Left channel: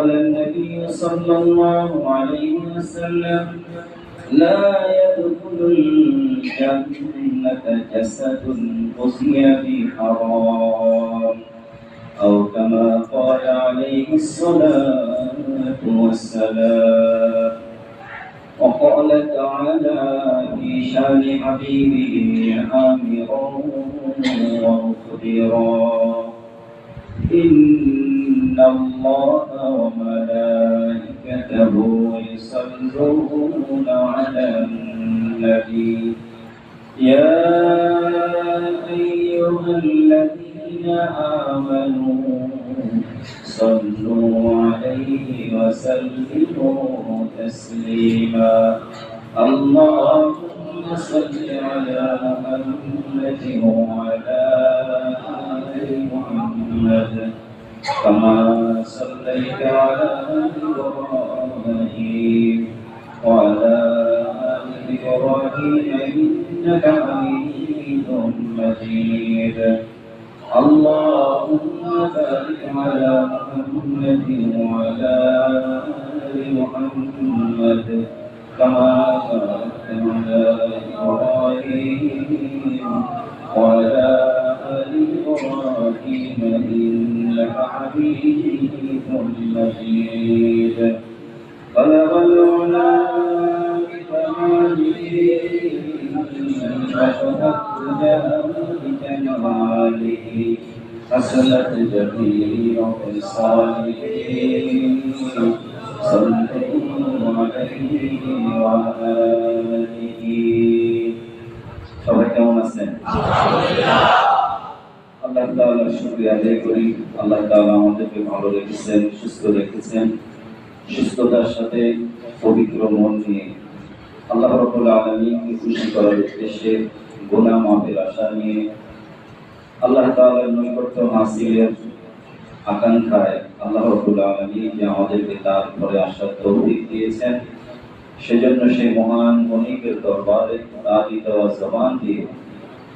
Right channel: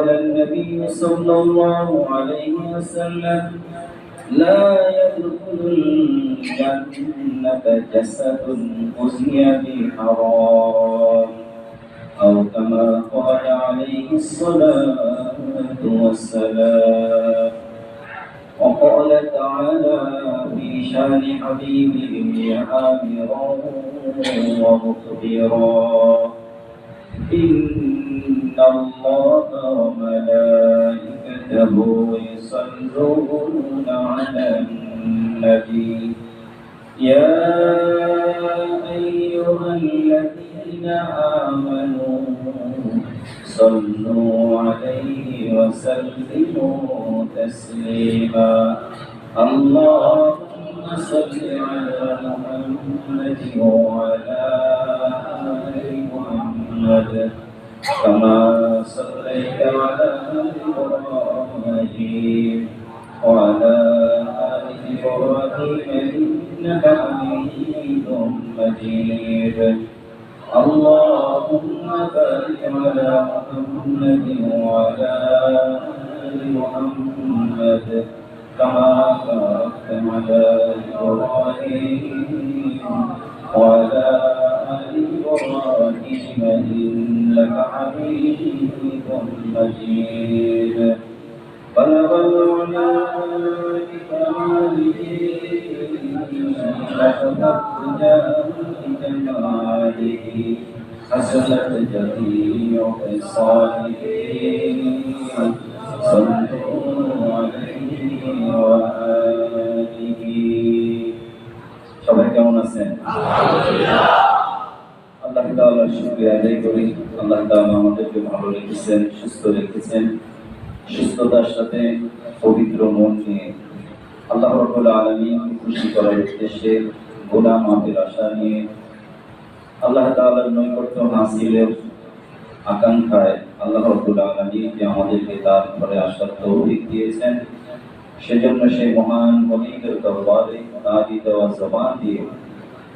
قال النبي صلى الله عليه وسلم لا يدخل الجنة جسد غزي بحرام أو كما قال عليه الصلاة والسلام. وقال تعالى في شان حبيبه آمرا ومخبرا إن الله وملائكته يصلون على النبي يا أيها الذين آمنوا صلوا عليه وسلموا تسليما. اللهم صل على محمد وعلى آل محمد كما صليت على إبراهيم وعلى آل إبراهيم إنك حميد مجيد. اللهم بارك على محمد وعلى آل محمد كما باركت على إبراهيم وعلى آل إبراهيم إنك حميد مجيد. بلغ العلا بكماله وفتقت بكماله حسنت جميع خصاله صلوا عليه وآله. সবাই কেমন আছেন? আল্লাহ তাআলার শুকরিয়া আদায় করি। আল্লাহ তাআলা আমাদেরকে ভালো রেখেছেন, সুস্থ রেখেছেন। সুস্থতার সাথে পবিত্র মন নিয়ে আল্লাহ রাব্বুল আলামিনকে খুশি করার উদ্দেশ্যে গুনাহ মাফের আশা নিয়ে আল্লাহ তাআলার নৈকট্য হাসিলের আকাঙ্ক্ষায় আল্লাহ রাব্বুল আলামিন যে আমাদেরকে তার ঘরে আসার তৌফিক দিয়েছেন, সেজন্য সেই মহান মনিকের দরবারে তারই দেওয়া জবান দিয়ে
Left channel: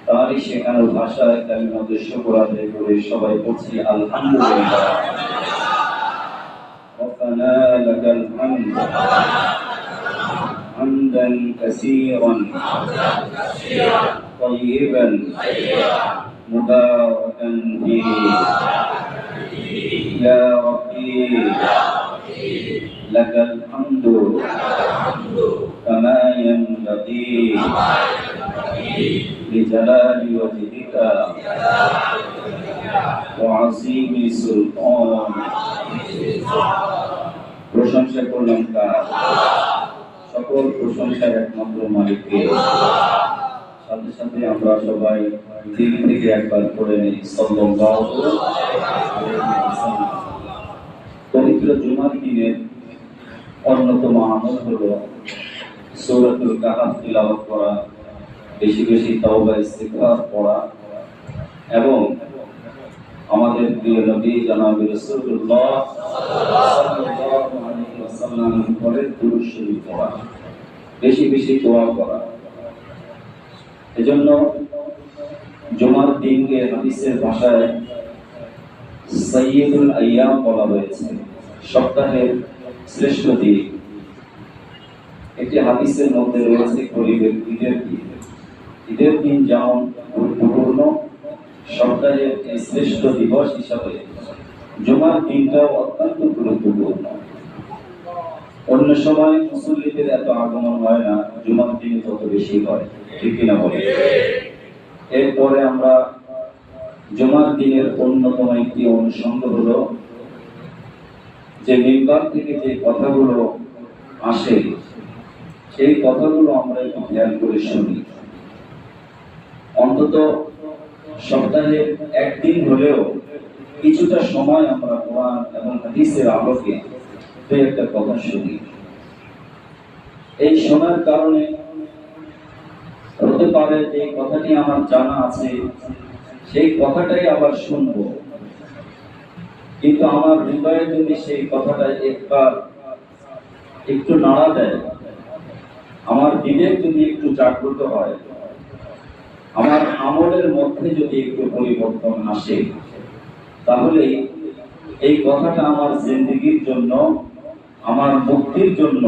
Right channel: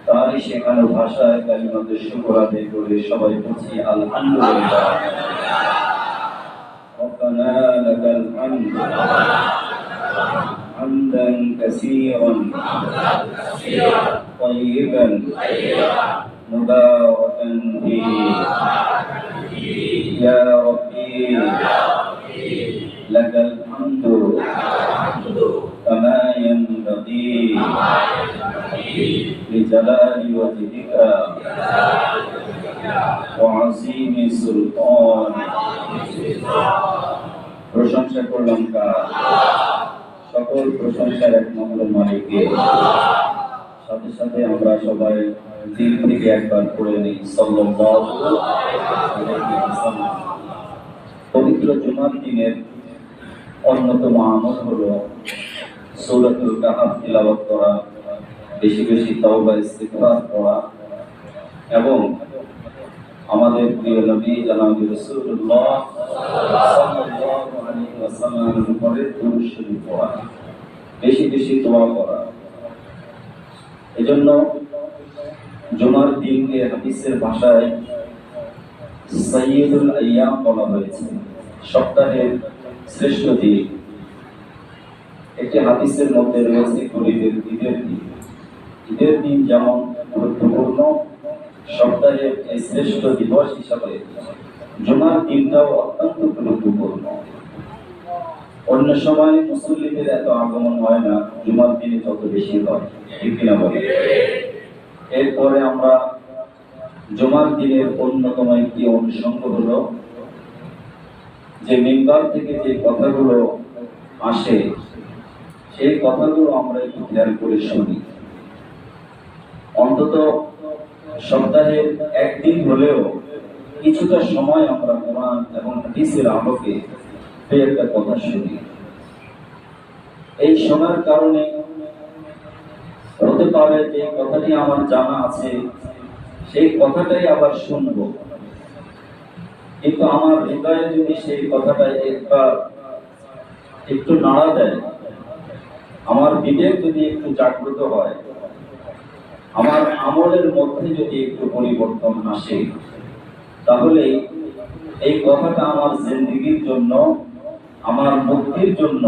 তারই শেখানো ভাষায় কালিমাতুশ শুকর আদায় করে সবাই বলছি আলহামদুলিল্লাহ। ربنا لك الحمد حمدا كثيرا طيبا مباركا فيه يا ربي لك الحمد كما ينبغي لجلال وجهك وعظيم سلطانك। প্রশংসা করলাম কার? সকল প্রশংসার একমাত্র মালিককে। সাথে সাথে আমরা সবাই দিল থেকে একবার পড়ে নিই সাল্লাল্লাহু আলাইহি ওয়াসাল্লাম। পবিত্র জুমার দিনের অন্যতম আমল হলো সূরাতুল কাহফ তিলাওয়াত করা, বেশি বেশি তাওবা ইস্তিগফার পড়া এবং আমাদের প্রিয় নবী জনাব রাসূলুল্লাহ সাল্লাল্লাহু আলাইহি ওয়াসাল্লাম পরে দুরূদ শরীফ পড়া, বেশি বেশি দোয়া করা। এজন্য জুমার দিনকে হাদিসের ভাষায় সাইয়্যিদুল আইয়াম বলা হয়েছে, সপ্তাহের শ্রেষ্ঠ দিন। একটি হাদিসের মধ্যে রয়েছে গরিবের ঈদের দিন। ঈদের দিন যেমন গুরুত্বপূর্ণ, সপ্তাহের এই শ্রেষ্ঠ দিবস হিসাবে জুমার দিনটাও অত্যন্ত গুরুত্বপূর্ণ। অন্য সময় মুসল্লিদের এত আগমন হয় না, জুমার দিনে তত বেশি হয়, ঠিক কিনা বলি? এরপরে আমরা জুমার দিনের অন্যতম একটি অনুষঙ্গ হলো যে মিম্বার থেকে যে কথাগুলো আসে, সেই কথাগুলো আমরা একটু খেয়াল করে শুনি। অন্তত সপ্তাহে একদিন হলেও কিছুটা সময় আমরা কোরআন এবং হাদিসের আলোকে দুই একটা কথা শুনি। এই শোনার কারণে হতে পারে যে কথাটি আমার জানা আছে, সেই কথাটাই আবার শুনবো, কিন্তু আমার হৃদয়ে যদি সেই কথাটা একবার একটু নাড়া দেয়, আমার বিবেক যদি একটু জাগ্রত হয়, আমার আমলের মধ্যে যদি একটু পরিবর্তন আসে, তাহলে এই কথাটা আমার জিন্দেগির জন্য, আমার মুক্তির জন্য,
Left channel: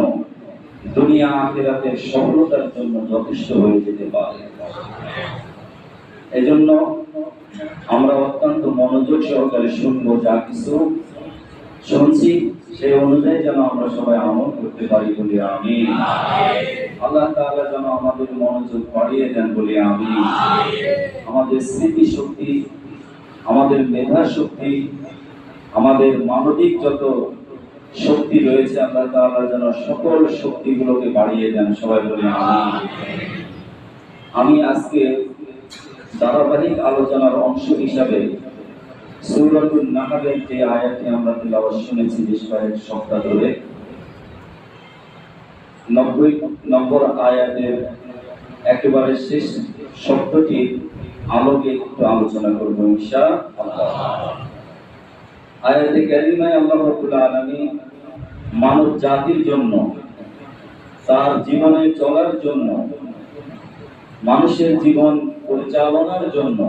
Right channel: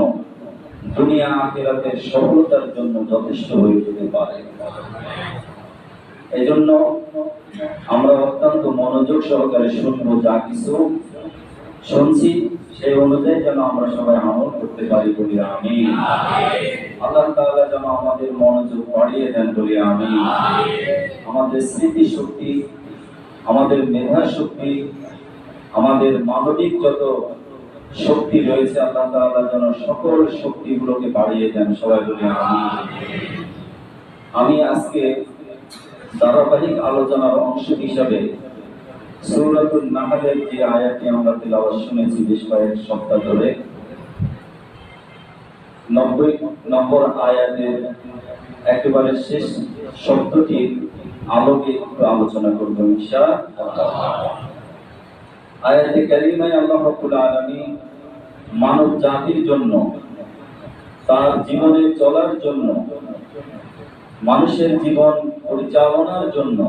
দুনিয়া আখিরাতের সফলতার জন্য যথেষ্ট হয়ে যেতে পারে। এজন্য আমরা অত্যন্ত মনোযোগ সহকারে শুনবো, যা কিছু শুনছি সেই অনুযায়ী যেন আমরা সবাই আমল করতে পারি বলি আমিন। আল্লাহ তাআলা যেন আমাদের মনোযোগ বাড়িয়ে দেন বলি আমিন। আমাদের স্মৃতি শক্তি, আমাদের মেধা শক্তি, আমাদের মানবিক যত শক্তি রয়েছে আল্লাহ তাআলা যেন সকল শক্তিগুলোকে বাড়িয়ে দেন, সবাই বলি আমিন। আমি আজকে ধারাবাহিক আলোচনার অংশ হিসাবে সূরাতুন নাহলের যে আয়াতটি আমরা তিলাওয়াত শুনেছি বেশ কয়েক সপ্তাহ ধরে, 90 নম্বর আয়াতের একেবারে শেষ শব্দটির আলোকে একটু আলোচনা করব ইনশাআল্লাহ। আয়াতে কারিমায় আল্লাহ রাব্বুল আলামিন মানব জাতির জন্য, তার জীবনে চলার জন্য, মানুষের জীবন পরিচালনার জন্য